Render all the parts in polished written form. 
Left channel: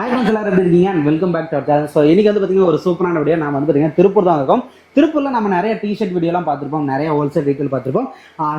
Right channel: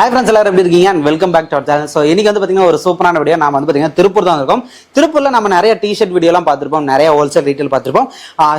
Hi friends, எல்லாரும் எப்படி இருக்கீங்க? And welcome back to our channel. So இன்னைக்கு வந்து பார்த்தீங்கன்னா ஒரு சூப்பரான வீடியோ. நம்ம வந்து பார்த்தீங்கன்னா திருப்பூர் தான் இருக்கோம். திருப்பூரில் நம்ம நிறைய டிஷர்ட் வீடியோலாம் பார்த்துருப்போம், நிறைய ஹோல்சேல் ரீட்டெயில் பார்த்துருப்போம்,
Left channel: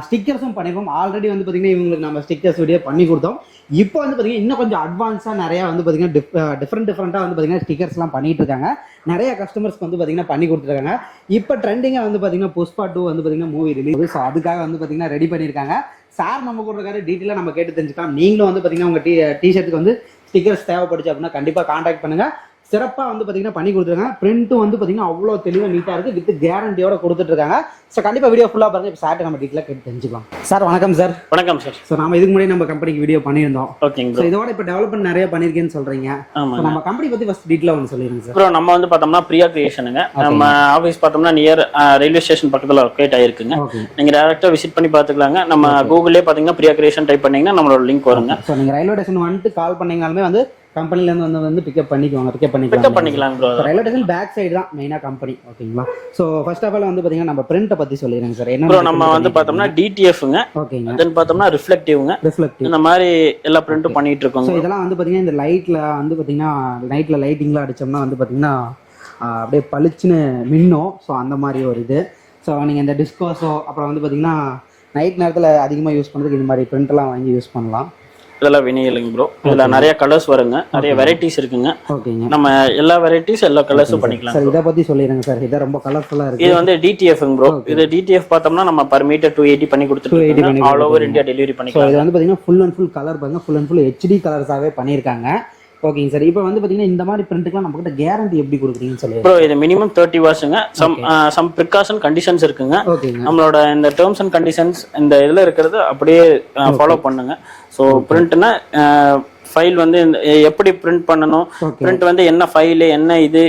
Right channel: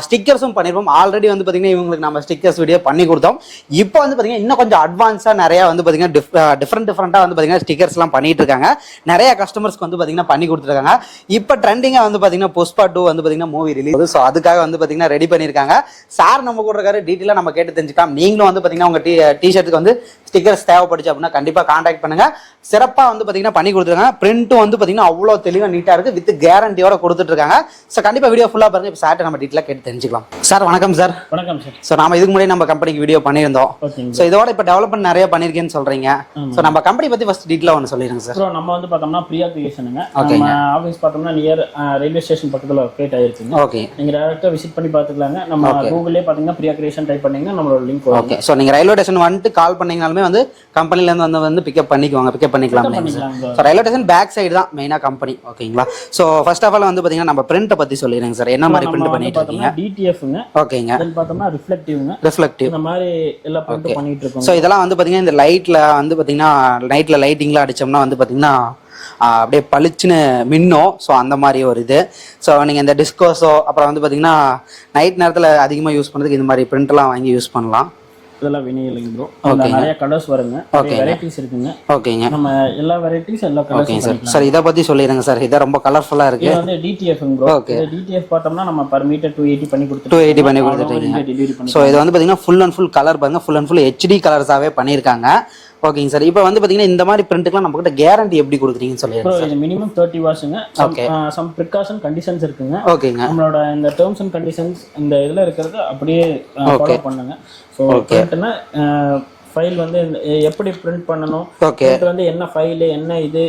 ஸ்டிக்கர்ஸும் பண்ணியிருப்போம். ஆல்ரெடி வந்து பார்த்தீங்கன்னா இவங்களுக்கு நம்ம ஸ்டிக்கர்ஸ் வீடியோ பண்ணி கொடுத்தோம். இப்போ வந்து பார்த்தீங்கன்னா இன்னும் கொஞ்சம் அட்வான்ஸாக நிறையா வந்து பார்த்தீங்கன்னா டிஃப்ரெண்ட்டாக வந்து பார்த்தீங்கன்னா ஸ்டிக்கர்ஸ்லாம் பண்ணிட்டு இருக்காங்க. நிறைய கஸ்டமர்ஸ்க்கு வந்து பார்த்தீங்கன்னா பண்ணி கொடுத்துருக்காங்க. இப்போ ட்ரெண்டிங்காக வந்து பார்த்தீங்கன்னா புஷ்பா 2 வந்து பார்த்தீங்கன்னா மூவி ரிலீஸ். ஸோ அதுக்காக வந்து பார்த்தீங்கன்னா ரெடி பண்ணியிருக்காங்க. சார் நம்ம கூட இருக்காரு, டீட்டெயிலாக நம்ம கேட்டு தெரிஞ்சுக்கலாம். நீங்களும் வந்து பார்த்தீங்கன்னா உங்கள் டிஷர்ட்டுக்கு வந்து ஸ்டிக்கர்ஸ் தேவைப்படுச்சு அப்படின்னா கண்டிப்பாக கான்டாக்ட் பண்ணுங்க. சிறப்பாக வந்து பார்த்தீங்கன்னா பண்ணி கொடுத்துருக்காங்க. பிரிண்ட்டும் வந்து பார்த்தீங்கன்னா அவ்வளோ தெளிவாக நீட்டாக இருக்குது, வித் கேரண்டியோட கொடுத்துட்டு இருக்காங்க. ஸோ கண்டிப்பாக வீடியோ ஃபுல்லாக பாருங்க. இப்போ சார்ட்ட நம்ம டீட்டெயிலாக கேட்டு தெரிஞ்சுக்கலாம். சார் வணக்கம் சார். வணக்கம் சார். ஸோ நம்ம இதுக்கு முன்னாடி நம்ம கம்பெனிக்கு வீடியோ பண்ணியிருந்தோம். ஓகேங்க. ஸோ இதோட இப்போ டெவலப்மெண்ட் நிறைய பண்ணியிருக்கேன்னு சொல்றீங்க. ஸோ நம்ம கம்பெனி பற்றி ஃபர்ஸ்ட் டீட்டெயிலாக ஒன்று சொல்லிடுங்க சார். ப்ரோ, நம்ம வந்து பார்த்தோம்னா பிரியா கிரியேஷனுங்க. நம்ம ஆஃபீஸ் பார்த்தோம்னா நியர் ரயில்வே ஸ்டேஷன் பக்கத்தில் லொக்கேட் ஆயிருக்குங்க. ஓகே, நீங்கள் டேரக்டாக விசிட் பண்ணி பார்த்துக்கலாங்க. நம்ம கூகுள்லேயே பார்த்தீங்கன்னா பிரியா கிரியேஷன் டைப் பண்ணீங்கன்னா நம்மளோட லிங்க் வருங்க. ஸோ நீங்கள் ரயில்வே ஸ்டேஷன் வந்துட்டு கால் பண்ணீங்கனாலுமே வந்து கம்பெனிலேருந்து வந்து பிக்கப் பண்ணிக்குவாங்க, பிக்கப் பண்ணிக்கலாம். ரயில்வே ஸ்டேஷன் பேக் சைடு தான் மெயினாக கம்பெனி. ஓகேங்களா. ஸோ ஃபர்ஸ்ட் ஆஃப் ஆல் வந்து பார்த்தீங்கன்னா நம்ம பிரிண்ட்டை பற்றி சொல்லிடுங்க சார். என்ன நம்ம வந்து பார்த்தோம்னா டிடிஎஃப்ங்க. ஓகேங்க. தென் பார்த்தோம்னா ரிஃப்ளெக்டிவ்ங்க. ரிஃப்ளெக்டிவ் இந்த மாதிரி எல்லா பிரிண்ட்டும் பண்ணிட்டு இருக்கோம். ஸோ இதெல்லாம் வந்து பார்த்தீங்கன்னா இந்த லைட்டில் வந்து பார்த்தீங்கன்னா நைட்டில் லைட்டிங்லாம் அடித்தோம்னா வந்து பார்த்தீங்கன்னா அப்படியே பளிச்சுன்னு மின்னும். ஸோ அந்த மாதிரி ஒரு இது. ஸோ நீங்கள் இந்த டிஸ்கோஸோ அப்புறம் வந்து பார்த்தீங்கன்னா நைட் நேரத்தில் அதிகமாக யூஸ் பண்ணுறதுக்கு இந்த மாதிரி பிரிண்ட்லாம் வாங்கி யூஸ் பண்ணலாம். இதெல்லாம் வினியலுங்க ப்ரோ. இதில் நிறைய கலர்ஸ் வருங்க, நிறைய வெரைட்டிஸ் இருக்குங்க. ஓகேங்க. நம்ம எல்லா வெரைட்டிஸ் எல்லா கலர்ஸும் பண்ணிக்கலாம். சார் இதை பற்றி சொல்லிடுங்க சார். இதை ரொம்ப கலர்ஃபுல்லாக இருக்கு. இது வந்து டிடிஎஃப்ங்க ப்ரோ. இது டிடிஎஃப் பார்த்தோம்னா நம்ம பர் மீட்டர் 280 பண்ணி கொடுத்துட்டு 280 பண்ணி ஆல் ஓவர் இந்தியா டெலிவரி பண்ணி. ஸோ இது வந்து பார்த்தீங்கன்னா ஃபுல் அண்ட் ஃபுல் கலர் பாருங்க, ஃபுல் அண்ட் ஃபுல் ஹெச்டி கலர்ஸாகவே பண்ணியிருக்காங்க. ஓகேங்க சார். இப்போ வந்து பார்த்தீங்கன்னா இந்த மாதிரி பிரிண்ட்டுக்குலாம் நம்ம கிட்ட கேரண்டி எப்படி கொடுக்குறீங்கன்னு சொல்லி ப்ரோ. இது மினிமம் 30 வாட்ஸுங்க. சம் ப்ரிகாஷன் கண்டிஷன்ஸ் இருக்குங்க. ஓகேங்க. நம்மளோட இந்த டேர்ம்ஸ் அண்ட் கண்டிஷன்ஸ் இந்த இதில் இருக்கிறது அப்படியே ஃபாலோ பண்ணுங்க. ஸோ பிரிண்ட்னா ஃபைல் வந்து எப்படி பிரிண்ட் பண்ணணும், பிரிண்ட் வந்து என்ன ஃபைல் என்ன இது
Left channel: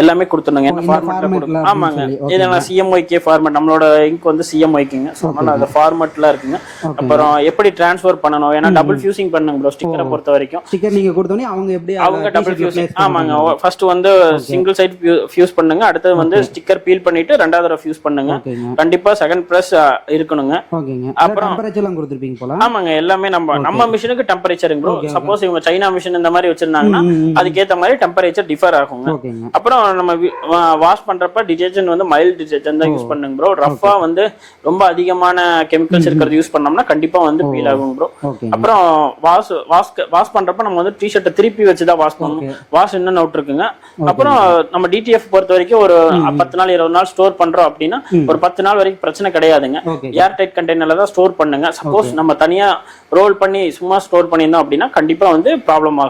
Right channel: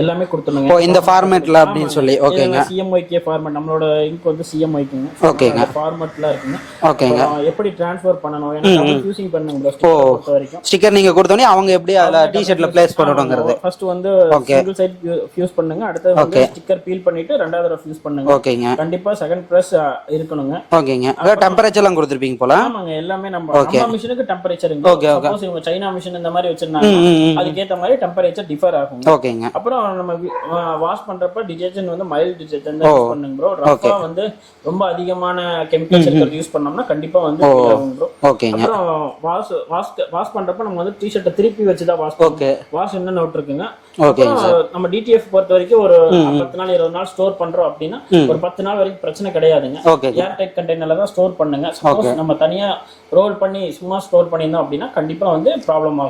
எல்லாமே கொடுத்துருங்க இந்த ஃபார்மேட்ல அப்படி சொல்லி. ஓகே. சிஎம்ஒய்கே ஃபார்மேட், நம்மளோட இங்க் வந்து சிஎம்ஒய்க்குங்க. அந்த ஃபார்மேட்ல இருக்குங்க. அப்புறம் எப்படி ட்ரான்ஸ்ஃபர் பண்ணனும், ஏன்னா டபுள் ஃபியூசிங் பண்ணுங்க ப்ரோ. ஸ்டிக்கரை பொறுத்த வரைக்கும் ஸ்டிக்கர் நீங்க கொடுத்தோனே அவங்க எப்படி அத டி-ஷர்ட்ல ப்ளேஸ் பண்ணுவாங்க. ஃபர்ஸ்ட் வந்து சிங்கிள் சைடு ஃபியூஸ் பண்ணுங்க. அடுத்து வந்து ஸ்டிக்கர் பீல் பண்ணிட்டு ரெண்டாவது தடவை ஃபியூஸ் பண்ணுங்க. ஓகேங்க. கண்டிப்பா செகண்ட் பிரஸ் இருக்கணுங்க. ஓகேங்க. அத டெம்பரேச்சர்லாம் கொடுத்திருப்பீங்க போல. ஆமாங்க. எல்லாமே நம்ம மிஷினுக்கு டெம்பரேச்சருங்க. சப்போஸ் இவங்க சைனா மிஷின் இந்த மாதிரி வச்சிருந்தாங்கன்னா அதுக்கு ஏத்த மாதிரி டெம்பரேச்சர் டிஃபர் ஆகுங்க. ஓகேங்க. அப்புறம் நம்ம வாஷ் பண்றப்ப டிடர்ஜென்ட் வந்து மைல்ட் டிடர்ஜென்ட் தான் யூஸ் பண்ணுங்க ப்ரோ. ரஃபா வந்து ரொம்ப அதிகமான கெமிக்கல்ஸ் இருக்கிறது யூஸ் பண்ணோம்னா கண்டிப்பா வந்து ஃபீல் ஆகும் ப்ரோ. அப்புறம் வாஷ் பண்றப்ப நம்ம வந்து டி-ஷர்ட்டை திருப்பி வச்சு தான் வாஷ் பண்ணுவோம். வாஷ் இன்னும் அவுட் இருக்குங்க. அப்புறம் நம்ம டிடிஎஃப் பொறுத்த வரைக்கும் ஒரு 10 நாள் 20 நாள் ஸ்டோர் பண்றோம் அப்படின்னா ஒரு 10 நாள் வரைக்கும் பிரச்சனை கிடையாதுங்க. ஏர் டைட் கண்டெய்னர்ல தான் ஸ்டோர் பண்ணுங்க. சப்போஸ் நம்ம தனியா ரோல் பண்ணி சும்மா ஸ்டோர் பண்ணியிருந்தோம் அப்படின்னா கண்டிப்பா வந்து ப்ராப்ளம்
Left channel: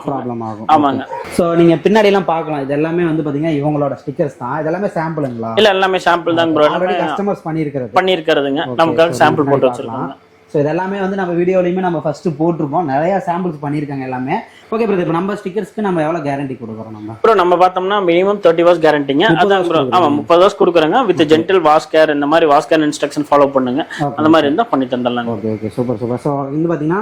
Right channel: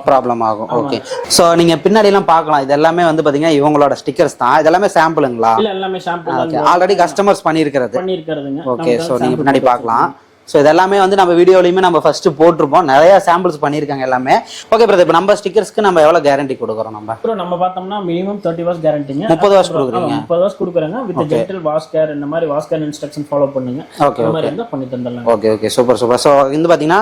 ஆகும். ஆமாங்க. சோ நீங்க பின்னாடி எல்லாம் பார்க்கலாம். இது எல்லாமே வந்து பாத்தீங்கன்னா இவங்களோட ஸ்டிக்கர்ஸ் தான். இது எல்லாமே சாம்பிளுங்களா? இல்ல, எல்லாமே சாம்பிள் தான். ஆல்ரெடி கஸ்டமர்ஸ் பண்ணியிருக்கிறதுங்க. நமக்கு சாம்பிள் முன்னாடி பார்க்கலாம். ஸோ இதெல்லாமே வந்து நம்ம வீடியோலையுமே நம்ம ஃபர்ஸ்ட் போட்டிருப்போம். நிறைய சாம்பிள்ஸ் பண்ணியிருக்காங்க எல்லாமே. ஓகே பிரதர், இப்போ நம்ம ஸ்டிக்கர்ஸ்க்கு நம்ம எவ்வளோ கேரண்டி கொடுக்குறோம்? நம்ம பார்த்தோம்னா மினிமம் 30 வாட்ஸ் கேரண்டிங்க. 30 வாட்ஸ். ஆமா, 30 வாட்ஸ் கொடுக்குறாங்க. வித் ஜென்டல் வாஷ் கேர், இந்த மாதிரி வாஷ் கேர் இன்ஸ்ட்ரக்ஷன் ஃபாலோ பண்ணுங்க. அந்த மாதிரி இருந்தால் பண்ணி தந்துடலாம். Okay, super. ஸோ வந்து பார்த்தீங்கன்னா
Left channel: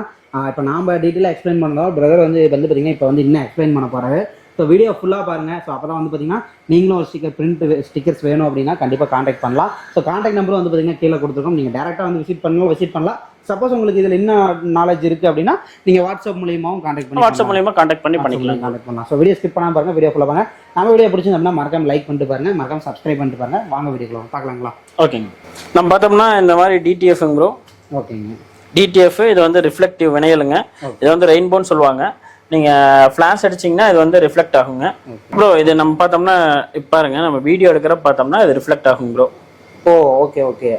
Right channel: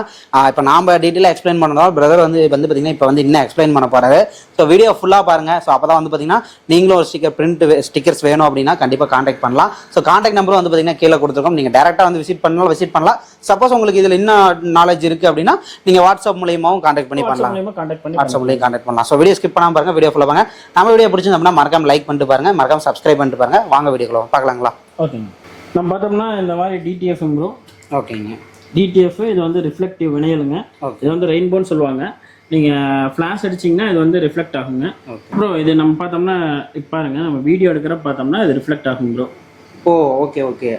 இப்போ நாம டீட்டெயிலாக எக்ஸ்பிளைன் பண்ணதால் பிரதர் வந்து பார்த்தீங்கன்னா இப்போ வந்து இன்னும் எக்ஸ்பிளைன் பண்ண போறாரு. ஸோ வீடியோ ஃபுல்லாக பாருங்க. ஸோ அப்போ தான் வந்து பார்த்தீங்கன்னா நீங்களும் ஒரு ஸ்டிக்கர்ஸ் வேணும் அப்படின்னா கண்டிப்பாக கான்டாக்ட் பண்ணலாம். ஸோ கான்டாக்ட் நம்பரும் வந்து பார்த்தீங்கன்னா கீழே கொடுத்துருக்கோம். நீங்கள் டேரெக்டாக வந்து விசிட் பண்ணலாம். சப்போஸ் உங்களுக்கு இதில் இன்னும் நாலேஜ் இருக்கு அப்படின்னா நீங்க வாட்ஸ்அப் மூலமாவும் கான்டாக்ட் பண்ணலாம். ஸோ வீடியோ ஸ்கிப் பண்ணாம பாருங்க, வீடியோ ஃபுல்லாக பாருங்க. நம்ம வீடியோ பிடிச்சிருந்தோம்னா மறக்காம லைக் பண்ணிட்டு பாருங்க, மறக்காம சப்ஸ்கிரைப் பண்ணிட்டு பாருங்க. வாங்க வீடியோக்குள்ள பார்க்கலாங்களா? ஓகேங்க. நம்ம பார்த்தோம்னா இந்த மாதிரி டிடிஎஃப் ப்ரோ. ஓகேங்க. டிடிஎஃப் இது வந்து ரிஃப்ளெக்டிவ் வினையலுங்க. இது வந்து ரெயின்போன்னு சொல்லுவாங்க. நீங்க ஃபிளாஷ் அடிச்சீங்கன்னா இது வந்து ரிஃப்ளெக்ட் ஆகுங்க ப்ரோ. இது நம்ம பார்த்தோம்னா இப்போ பாருங்க, நம்ம வீடியோ எடுக்கிறப்ப பார்த்தோம்னா இது ரிஃப்ளெக்ட் ஆகும் ப்ரோ. ஓகே.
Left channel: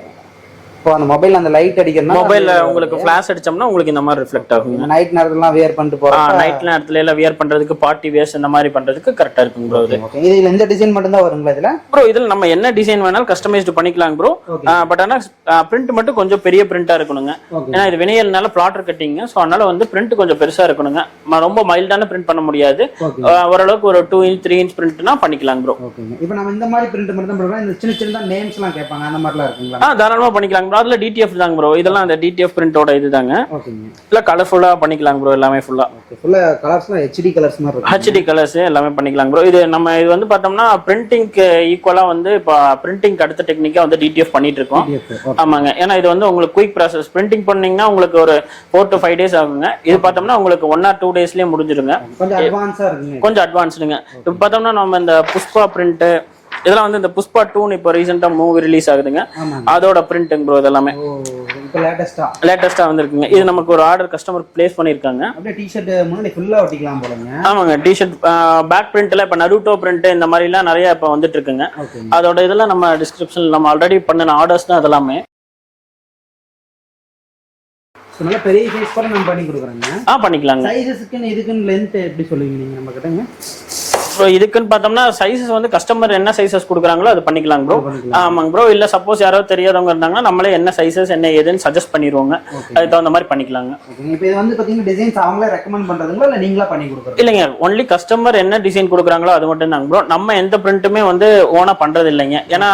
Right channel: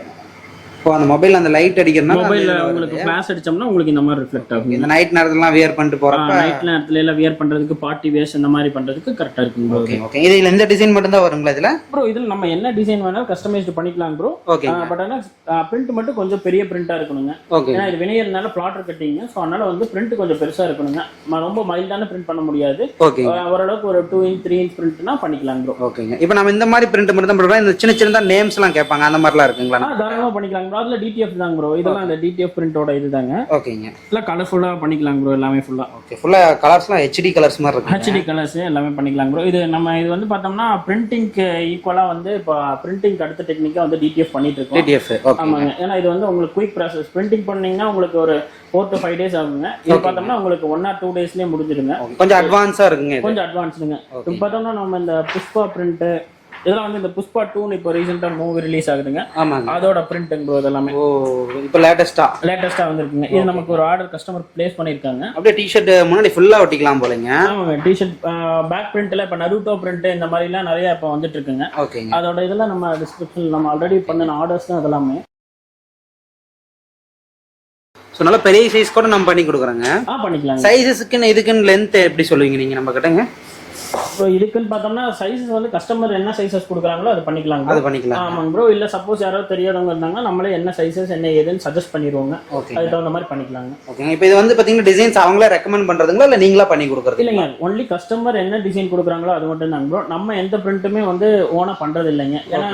இப்போ அந்த மொபைல் அந்த லைட் அடிக்கிறனா மொபைல்ல உங்களுக்கு ஃபிளாஷ் அடிச்சோம்னா உங்களுக்கு இந்த மாதிரி ரிஃப்ளெக்ட் ஆகும். இந்த நைட் நேரத்துலலாம் வியர் பண்ணிட்டு போறப்ப நைட் நேரத்துல எல்லாம் வியர் பண்றதுக்கு பார்ட்டி வேர்ஸ் இந்த மாதிரி பண்றதுக்கு கரெக்ட்டா இருக்கும் ப்ரோ. ஓகே. இதுல இந்த டிசைன் மட்டும் தான் வருங்களா இதுல? ப்ரோ இதுல நம்ம என்ன டிசைன் வேணாலும் கஸ்டமைஸ்ட் பண்ணிக்கலாம் ப்ரோ. பட் ஆனா பிரிண்ட் மட்டும் கொஞ்சம் பெரிய பிரிண்டா இருக்கணுங்க. ஏன்னா இது வினையல்னால பிளாட்டர் கட்டிங்க. சோ அதனால வந்து பிரிண்ட் கொஞ்சம் பெருசா இருக்கணுங்க. ரொம்ப மைல்டான பிரிண்ட் பண்ண முடியாது. ஓரளவுக்கு ஒரு 2 இன்ச் 3 இன்ச் பிரிண்ட்னா பண்ணிக்கலாம் ப்ரோ. ஓகேங்க. இப்போ நம்ம இந்த மாதிரி பிரிண்ட் மட்டும் தான் பண்றோம். இந்த சின்ன சின்னதா நேம்ஸ் எல்லாம் கேட்பாங்க, அந்த மாதிரிலாம் இருக்குங்களா? தாராளமா பண்ணிக்கலாம் பண்ணிக்கலாங்க ப்ரோ. அதுல டிடிஎஃப் தாங்க ப்ரோ, இதெல்லாம் அந்த டிடிஎஃப் பிரிண்டோட இதுதாங்க. ஓகேங்க. இல்ல கலர்ஃபுல்லா பண்ணிக்கலாங்க ப்ரோ, எல்லாமே ஃபுல்லா. ஓகே, ஃபுல்லா கலர்ஸ்லாம் ஹெச்டி கலர்ஸ் மாதிரி இருக்கு. ஹெச்டி கலர்ஸ் எல்லாமே பண்ணிக்கலாங்க ப்ரோ. இது நம்ம இது வந்து பார்த்தோம்னா பிரிண்டிங்க்கு ஈக்குவலா வந்து இப்போ பிரிண்டிங் அடுத்த டெக்னிக்கா வந்து டிடிஎஃப் பண்ணிட்டு இருக்கோம். டிடிஎஃப் ஆமாங்க. ஏன்னா இது வந்து உங்களுக்கு குயிக் ப்ராசஸ். பிரிண்டிங் பண்ணீங்கன்னா உங்களுக்கு ஒரு 4 to 5 days ஆகுங்க. இது பார்த்தோம்னா உங்களுக்கு 1 or 2 daysலயே முடிஞ்சிருங்க. கொஞ்சம் அட்வான்ஸா இருக்குங்க. கொஞ்சம் அட்வான்ஸ்டுங்க. இப்போ பார்த்தோம்னா நம்ம இந்த புஷ்பா பிரிண்ட் இதெல்லாம் வந்து இந்த புஷ்பா 2 இப்போ ரீசெண்டா மூவி ரிலீஸ் ஆகுதுங்க. அதோட பிரிண்டிங் ப்ரோ இதெல்லாமே. ஓ, இப்போ லேட்டஸ்டா வந்திருக்குங்க. இது நமக்கு ஒரு ஆர்டர் கஸ்டமர் பிளேஸ் பண்ணிருக்காங்க. அப்படியே டி-ஷர்ட் முன்னாடி ஃபுல்லா ஒட்டிக்கலாம் போலங்க. ஆமாங்க. டி-ஷர்ட் பேக் பிரிண்ட்ல இப்ப நருட்டோ பிரிண்ட் இந்த மாதிரி எல்லாம் நிறைய இப்ப வந்துட்டு இருக்குங்க. அதோட இதெல்லாம் நம்ம டிஸ்கிரிப்ஷன்ல நம்ம ஆல்ரெடி பண்ணின ஆர்டர்ஸ் தான் அதெல்லாமே. ஸோ நல்ல பெரிய சைஸ் கூட நம்ம பண்ணி கொடுக்குறோங்க. பண்ணிக்கலாங்க. சைஸஸ்க்குன்னு இதுக்குன்னு லென்த் எப்படி சொல்லுவீங்க நீங்க நம்ம கிட்டங்க? ப்ரோ இதுக்குன்னு பார்த்தோம்னா சைஸஸ் வந்து கஸ்டமர் என்ன சைஸஸ் கொடுக்குறாங்களோ அது பண்ணிக்கலாம் ப்ரோ. ஆமாங்க ப்ரோ. இல்ல சப்போஸ் யாராவது தெரியாதவங்க இருந்தாங்கன்னா நம்மளே என்ன சைஸஸ் என்ன ஏதுன்னு சஜஸ்ட் பண்ணிடுவோங்க. அதுக்கு தகுந்த மாதிரி பண்ணிக்கலாங்க. இப்போ இது வந்து பாத்தீங்கன்னா டிசைன்ஸ் அவங்களே ரெக்கமெண்ட் பண்றதுங்களா இல்ல நீங்களா பண்ணி கொடுக்குறது? இல்லைங்க, ஒன்லி கஸ்டமர் என்ன டிசைன் கொடுக்குறாங்களோ அது மட்டும் தாங்க ப்ரோ. நம்ம எந்த பிரிண்ட்டுமே வந்து ஓனா பண்றது இல்லைங்க. ஏன்னா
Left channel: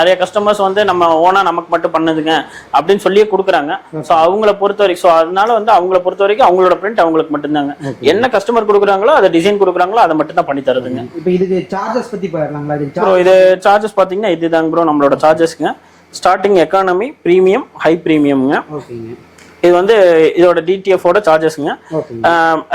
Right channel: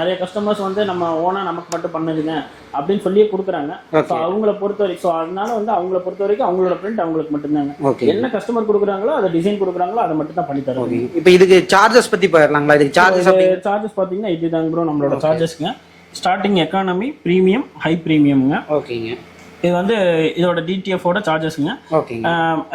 நிறைய கஸ்டமர்ஸ் வந்து நம்ம ஓனா நமக்கு மட்டும் பண்ணுதுங்க அப்படின்னு சொல்லியே கொடுக்குறாங்க. ஸோ அவங்கள பொறுத்த வரைக்கும் ஸோ அதனால வந்து அவங்கள பொறுத்த வரைக்கும் அவங்களோட பிரிண்ட் அவங்களுக்கு மட்டும்தாங்க. என்ன கஸ்டமர் கொடுக்குறாங்களோ அதை டிசைன் கொடுக்குறாங்களோ அதை மட்டும் தான் பண்ணி தருது. இப்போ இதுக்கு சார்ஜஸ் பத்தி போயிடலாங்களா? இதுக்கு சார்ஜஸ் பாத்தீங்கன்னா இதுதாங்க ப்ரோ நம்மளோட சார்ஜஸ்ங்க. ஸ்டார்டிங் எக்கானமி, பிரீமியம், ஹை பிரீமியம்ங்க. ஓகேங்க. இது வந்து இதோட டிடிஎஃப் ஓட சார்ஜஸ்ங்க.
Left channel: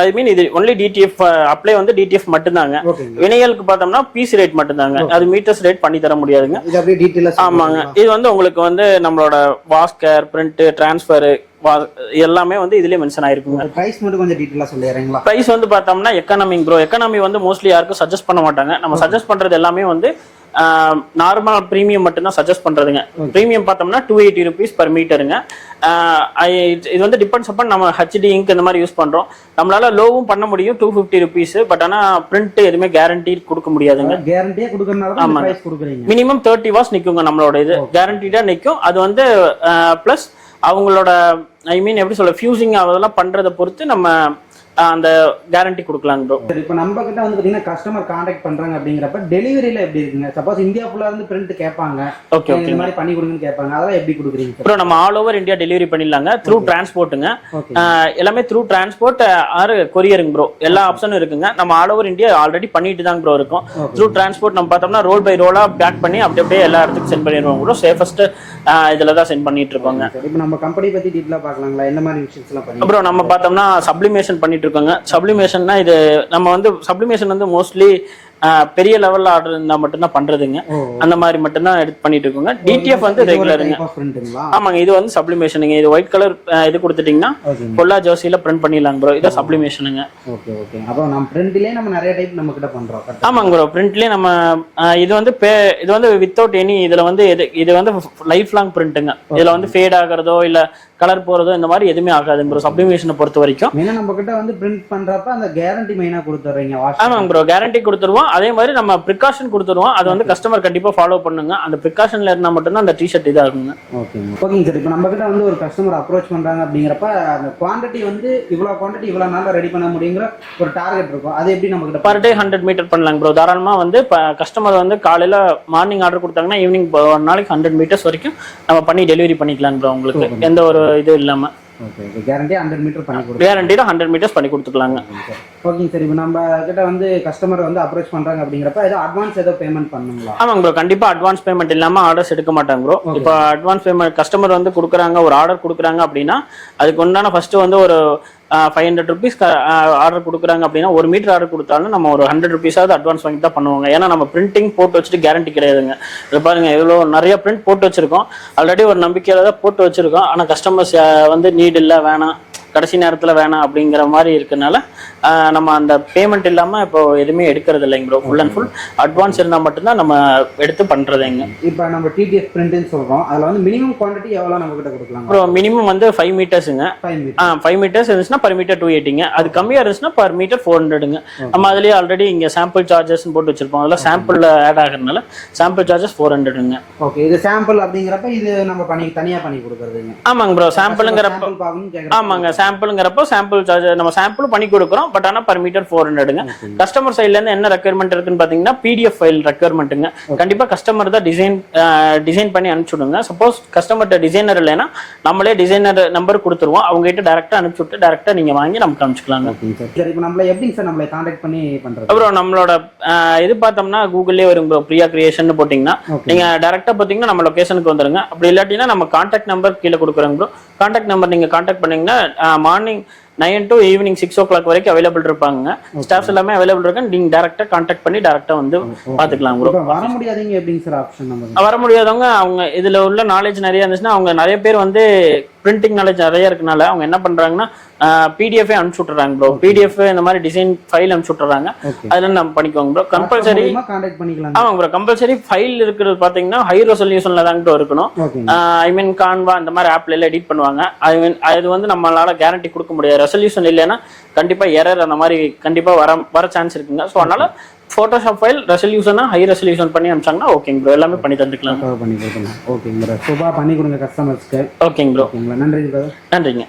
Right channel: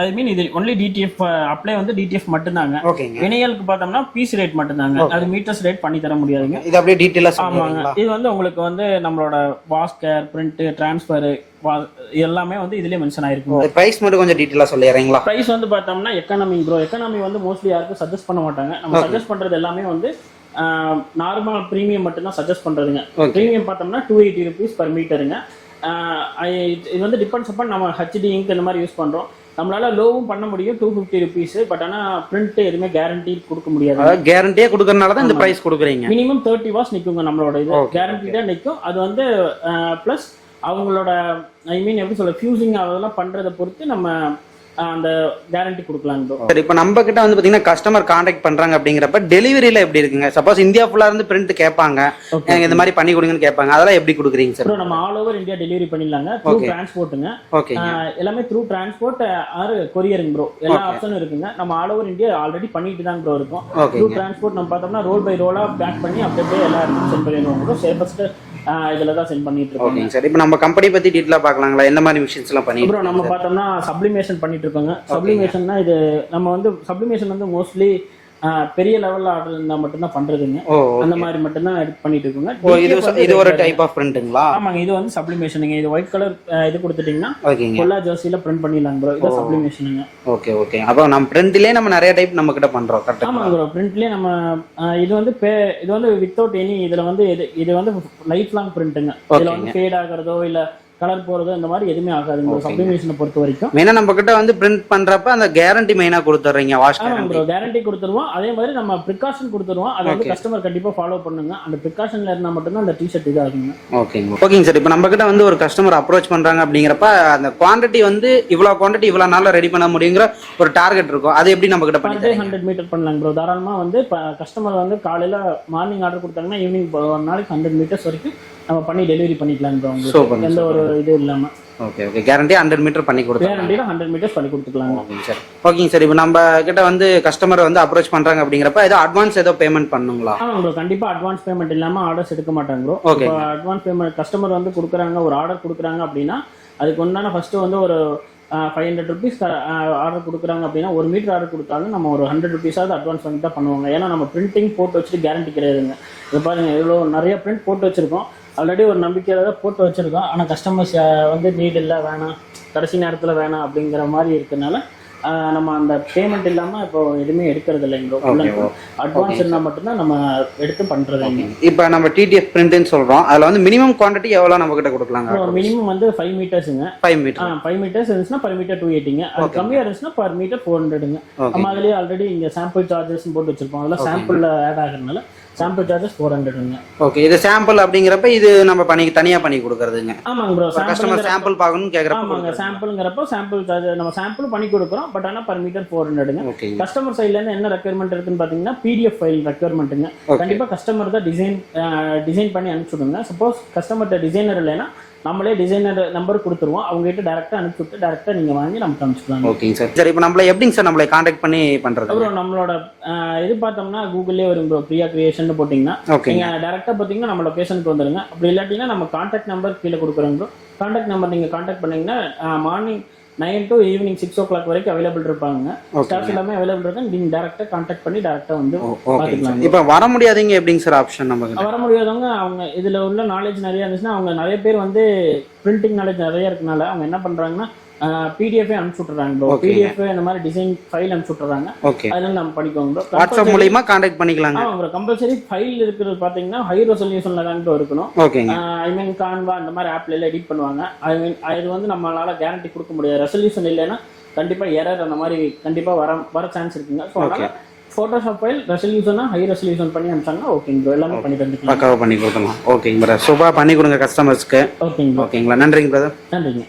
ஐ மீன் இது ஒன்லி டிடிஎஃப் அப்ளை வந்து டிடிஎஃப் மட்டும்தாங்க. வினையலுக்கு பார்த்தோம்னா பீஸ் ரேட் மட்டும்தாங்க. அது மீட்டர்ஸ் ரேட் பண்ணி தர முடியாதுங்க. இது அப்படியே டீடைலா. ஆமாங்க. இது வந்து உங்களுக்கு வந்து நம்மளோட வாஸ்கர், பிரிண்ட், டிரான்ஸ்ஃபர் எல்லாமே வந்து இதுலயே மென்ஷன் ஆயிருக்குங்க. பிரைஸ் மட்டும் கொஞ்சம் டீடைலா சொல்லிடுறீங்களா? பிரைஸ் வந்து பார்த்தோம்னா எக்கானமி ப்ரோ. எக்கானமி வந்து மோஸ்ட்லி யாருக்கும் சஜஸ்ட் பண்ண மாட்டாங்க. நம்ம சஜஸ்ட் பண்றது எல்லாமே வந்து நார்மல் பிரீமியம் மட்டும் தான் சஜஸ்ட் பண்றதுங்க. பிரீமியம் பார்த்தோம்னா 280 rupees per மீட்டருங்க. இது வந்து டிபெண்ட்ஸ் அப்பான் நம்ம ஹெச்டி இங்க் இந்த மாதிரி யூஸ் பண்றோம். நம்மளால லோவும் பண்ண முடியும் 250 rupees. பட் ஆனா பிரிண்ட் எதுவுமே கேரண்டி கொடுக்க முடியாது. கேரண்டியா கொடுக்கறனால தான் இந்த பிரைஸ் கொடுக்குறீங்க. மினிமம் 30 hours நிக்குங்க நம்மளோட இது. கேரண்டிடா நிக்கும். அது வந்து பிளஸ் அவங்களோட ஐ மீன் எப்படி சொல்ல ஃபியூசிங் அதெல்லாம் பண்றதை பொறுத்து நம்ம அந்த கேரண்டி கொடுக்கலாம் ப்ரோ. சரி, இப்போ நம்ம கிட்ட வந்து பாத்தீங்கன்னா கஸ்டமர் கான்டாக்ட் பண்றாங்க அப்படிங்கிறப்ப டெலிவரியில எப்படி இருக்குங்க? சப்போஸ் இந்தியா ஃபுல்லா இருந்து பிரிண்ட் கேட்பாங்க, இந்த மாதிரி பண்ணி கொடுங்கன்னு கேட்பாங்க, அதெல்லாம் எப்படி கொடுக்குறீங்க சார்? ப்ரோ நம்ம ஆல் ஓவர் இந்தியா டெலிவரி பண்ணிடலாங்க. த்ரூ டிரான்ஸ்போர்ட்டுங்க. எல்லாமே த்ரூ டிரான்ஸ்போர்ட் ஆர் கொரியருங்க ப்ரோ. எல்லா ஆப்ஷனும் இருக்குங்க. நம்ம ஆல் ஓவர் இந்தியா ஆல்ரெடி பண்ணிட்டு தான் ப்ரோ இருக்கோம். த்ரூ டிரான்ஸ்போர்ட் நம்ம பார்த்தோம்னா ரோல் பை ரோலா பேக் பண்ணி அப்படியே எல்லா இடத்துக்கும் சென்ட் பண்ணிடுவோம் ப்ரோ. சேஃபஸ்ட் இதுல தான் சென்ட் பண்ணிட்டு இருக்கோங்க. சரி, இப்போ நம்ம கம்பெனி பத்தி டீடைலா பார்க்கலாங்களா? என்ன மாதிரி விஷயம்ஸ் எல்லாம் பண்ணி ப்ரோ நம்ம பார்த்தோம்னா சப்ளிமேஷன் பண்ணிட்டு இருக்கோங்க. சப்ளிமேஷன்னா இது நம்ம வந்து சப்ளிமேஷன் வந்து மோஸ்ட்லி பெரிய லெவல்ல ஆர்டர் இருந்தா மட்டும் தான் பண்றதுங்க. அந்த மாதிரி மட்டும் தான் எடுத்து பண்ணிட்டு இருக்கோங்க. டிடிஎஃப் வந்து இது ஒரு டைப் ஆஃப் பிரிண்ட்ங்களா? ஆமாங்க. இது வந்து சப்ளிமேஷனுங்க. இது ஒயிட் கலர் இது கொடுத்துட்டீங்கன்னா கொல்லா ஜோசில பிரிண்ட் பண்ணிடலாம் ப்ரோ. இது சப்ளிமேஷனுங்க. Okay okay. அப்போ நம்ம பிரிண்ட்லயே நம்ம நிறைய டைப் நம்ம கிட்ட பண்றோம். ஆமாங்க ப்ரோ. பிரிண்ட்லயே நம்ம இது வந்து வித்தவுட் எனி இதுல வந்து இது வந்து லைஃப் லாங் பிரிண்ட்டுங்க. இதுல வந்து ஃபேட் ஆகிறதோ இல்ல கலர் போறதோ இந்த மாதிரி எதுவுமே ஆகாது ப்ரோ. சப்ளிமேஷனை பொறுத்த வரைக்கும் மெயினா நம்ம கிட்ட வந்து பிரிண்ட் பண்றப்ப அந்த கேரண்டி மெயினா கொடுத்துறீங்க. ஆமாங்க ப்ரோ. கேரண்டி கொடுத்துருவோம். அதே மாதிரி நம்ம ப்ரிகாஷன் கொடுத்துருவோம். அது வந்து கஸ்டமர் கண்டிப்பா ஃபாலோ பண்ணுங்க. அந்த ப்ரிகாஷன்ல இருந்தா மட்டும் தான் அந்த டி-ஷர்ட் இதாகுங்க. ஓகேங்க சார். இப்போ நம்ம கிட்ட வந்து ஒரு கஸ்டமர் அப்ரோச் பண்றாங்க அப்படிங்கிறப்ப அந்த குவாண்டிட்டி வந்து இவ்வளவு குவாண்டிட்டி இவ்வளவு நாள்ல ரெடி பண்ண முடியுங்கிற ஒரு டார்கெட் இருக்கும். அது எப்படி நம்ம கிட்ட பர் டே 100 மீட்டர் பண்ணலாங்க ப்ரோ. தாராளமா வந்து கஸ்டமர் வந்து காலையில மார்னிங் ஆர்டர் கொடுத்தாங்கன்னா ஈவினிங் ஒரு நாளைக்கு 100 மீட்டர்ஸ் வரைக்கும் நம்ம பண்ணி டெலிவரி பண்ணிக்கலாம் ப்ரோ. உங்களுக்கு எந்த ஒரு இது இல்லாம. Okay okay. கேரண்டி 100 மீட்டர் பண்ணி கொடுத்து கேரண்டில 100 மீட்டர்ஸ் பண்ணி கொடுத்துக்கலாங்க. ஓகேங்க சார். இப்போ நம்ம கிட்ட வந்து கஸ்டமர் வந்து அப்ரோச் பண்றாங்க அப்படிங்கிறப்ப ஏதோ அட்வான்ஸ் ஏதோ பேமெண்ட் பண்ணுங்களா? ஆமாங்க ப்ரோ. கண்டிப்பா அட்வான்ஸ் பேமெண்ட் இல்லாம ஆர்டர்ஸ் எடுக்க மாட்டாங்க ப்ரோ. இப்போ அட்வான்ஸ் பேமெண்ட் கஸ்டமர் வந்து கொடுக்குறாங்க, ஒரு ஆர்டர் கொடுக்குறாங்க அப்படின்னா அதுக்கு உண்டான ஃபர்ஸ்ட் வந்து ஒரு 500 rupees ஆர்டர் கொடுக்குறாங்க அப்படின்னா 1 மீட்டர் ஆர்டர் கொடுத்தாலும் நம்ம ஒரு 100 rupees அட்வான்ஸ் வாங்கி தான் பண்ணுவாங்க. ஏன்னா நம்ம பிரிண்டிங் போட்டு வச்சுட்டு கேரண்டி கிடையாதுங்க. இது பாருங்க எவ்வளோ நிறைய பிரிண்ட் போட்டு வச்சிருக்கோம். ஆல்ரெடி ஒரு நம்பிக்கையில தான் போட்டு வச்சிருக்கோம். ஆனால் கஸ்டமர்ஸ் வந்து நீட் இல்லை, வேணாம், கடைசி நேரத்தில் வேணாம் அப்படிங்கிற மாதிரி இருக்கனால நம்ம அந்த பேமெண்ட் இல்லாம இப்போ எதுவுமே எடுக்கிறது இல்லைங்க bro. Full and full advance இருந்தால் மட்டும்தான் நம்ம எடுத்து பண்றதுங்க. இப்போ நம்ம டிடிஎஃப் பிரிண்ட்னு சொல்றோம். அதுல வந்து மினிமம் குவாண்டிட்டி எவ்வளவு நம்ம கிட்ட கொடுக்கலாம் ப்ரோ? மினிமம் வந்து 5 மீட்டர்ஸுங்க. 5 மீட்டர்ஸ் இருந்துச்சுன்னா பர் மீட்டர் 280ங்க. அது கம்மியா இருந்துச்சுன்னா பர் மீட்டர் 400ங்க. நம்ம அதுலயே ஆல்ரெடி இங்க சாம்பிள் சார்ஜஸ் போட்டு வச்சிருப்போம். அதெல்லாம் சாம்பிள் ஆட் ஆகுறதுனால சாம்பிள் சார்ஜஸ் 400ங்க. ஓகே. இது சாம்பிள் அப்படிங்கிறப்ப இது நம்ம தனியா பண்ணி கொடுக்கறதுங்க. ஆமாங்க ப்ரோ. சாம்பிள் பார்க்கணும்னு கேக்குறேன். ஆமாங்க. சாம்பிள்ங்கிறப்போ சாம்பிள் சார்ஜ் நம்ம சாம்பிள் பண்ணி கொடுக்குறோம். பட் ஆனா பர் மீட்டர் 400ங்க. கஸ்டமர் சைட்ல இருந்து என்ன ரெக்யர்மெண்ட் இருக்குன்னு பாத்தீங்கன்னா PDF ஃபைல் ரெக்யர்மெண்ட்டுங்க. கண்டிப்பா கஸ்டமர் தான் டிசைன் பண்ணி அனுப்பிச்சுடுங்க. சப்போஸ் கஸ்டமர்ட்ட டிசைனர் இல்லைன்னா நம்மளே டிசைனர் நம்பர் கொடுத்துருவோம். அவங்க கிட்ட டேரக்டா அனுப்பிச்சு விட்டு டேரக்டா நீங்க வாங்கி நமக்கு அனுப்பிச்சுக்கலாம். ஓகேங்க சார். சரி, இப்போ நம்மள எப்படிங்க சார் நம்மளை கான்டாக்ட் பண்ணி பண்றது? அப்புறம் நம்மளோட இது பார்த்தோம்னா கூகுள்லேயே வரும் ப்ரோ. பிரியா கிரியேஷன் போட்டிங்கன்னா நீங்க டேரக்டா பாத்தீங்கன்னா நம்ம லொகேஷனுக்கு வந்துருங்க. அப்படி இல்லாட்டினா நம்ம கான்டாக்ட் நம்பர் கீழே கொடுக்குறோங்க ப்ரோ. கான்டாக்ட் நம்பர் நீங்க கான்டாக்ட் பண்ணீங்கன்னா மார்னிங் 9 to ஈவினிங் 6 o'clock வரைக்கும் அவைலபிள் இருப்பாங்க. ஸ்டாஃப்ஸ் எல்லாமே அவைலபிள் இருக்காங்க. நீங்க டேரக்டா கான்டாக்ட் பண்ணி டேரக்டா வந்து பாத்துக்கலாம். இப்போ வர முடியாதீங்க எப்படிங்க சார் ஆப்ஷன்? நமக்கு வர முடியாதவங்க அவங்க இதுல உள்ள நாலேஜ் நிறைய இருந்துச்சுன்னா அவங்க நிறைய பேர் வந்து பிரிண்டிங் நாலேஜ் நிறைய இருக்கனால அவங்க என்ன பண்றாங்கன்னா PDF அனுப்பிச்சு விட்டுறாங்க ப்ரோ. PDF இந்த மாதிரி டிசைன் ஃபைல் அனுப்பிச்சு விட்டுறாங்க. அதுல நம்ம பண்ணிக்கோங்க ப்ரோ. கம்பல்சரி கான்டாக்ட் பண்ணிக்கலாம். ஆமா ப்ரோ, கம்பல்சரி ஃபைல் இருக்கிறது பாத்தீங்கன்னா ஹை ரெசல்யூஷன்ல தான் ப்ரோ இருக்கணும். ஐ மீன் கான்வா இந்த மாதிரி ஆப்ல எல்லாம் எடிட் பண்ணுவாங்க. அது வந்து நம்மளால கேரண்டி கொடுக்க முடியாது. ரெசல்யூஷன் இல்லைன்னா கண்டிப்பா எரர் அந்த மாதிரி கண்டிப்பா வர சான்ஸ் இருக்குங்க. ஸோ அதனால போட்டோஷாப் ஃபைல் ரெசல்யூஷனா ஹை ரெசல்யூஷன் பண்ணி அனுப்பிச்சாங்கன்னா ஓகேங்க ப்ரோ, எல்லாமே பண்ணி தந்துக்கலாம். கவர் பண்ணி கொடுக்கலாம். ஓகேங்க ப்ரோ, சூப்பரா பண்ணி கொடுங்க கஸ்டமர்ஸ்க்கு. ஓகேங்க ப்ரோ. ஓகேங்களா, நன்றிங்க பிரதர். நன்றிங்க.